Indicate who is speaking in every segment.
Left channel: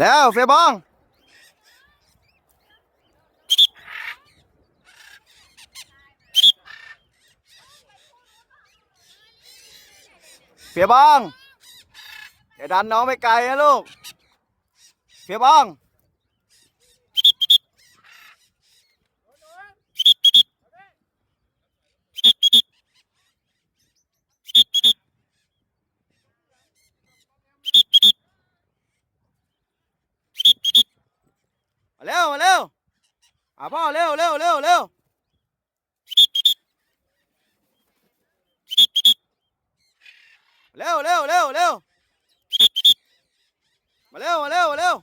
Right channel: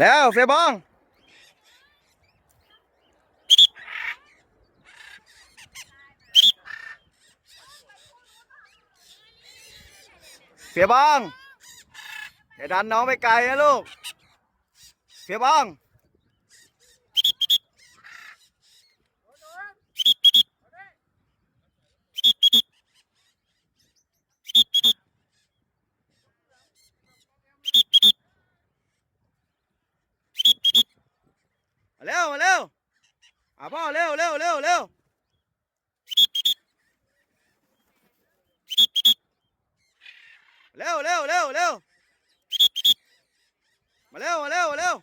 Speaker 1: แล้วเฟียบองเฟียบองอย่าดันน้องไปไกลนะลูกเฟียบอง มา เร็วมาเร็วอะพ่อเร็วเร็วเร็วเร็วเร็วเร็วเร็วเร็วมาเร็วมาเร็วมาเร็ว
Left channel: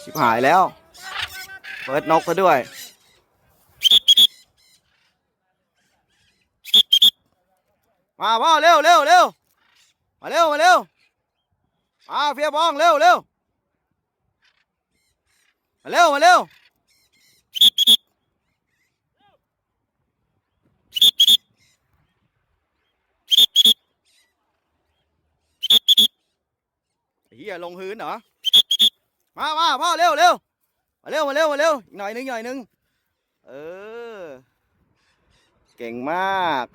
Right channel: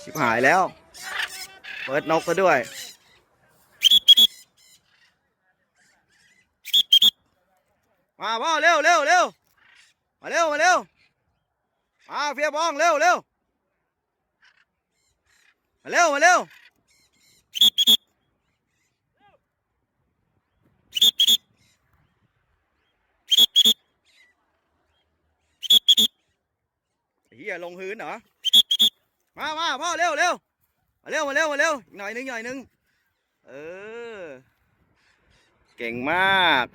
Speaker 1: ชิบหายแล้ว เปิดนกซะด้วย มาพ่อเร็วเร็วเร็วมาเร็วมาเร็ว มาเฟียบ้องเร็วเร็วมาเร็วมาเร็วเฮียลงพื้นเหรอ มามาพ่อเร็วเร็วมาเร็วมาเร็วมาเร็วหน่อยหนึงหน่อยหนึง เออ เก่งมาก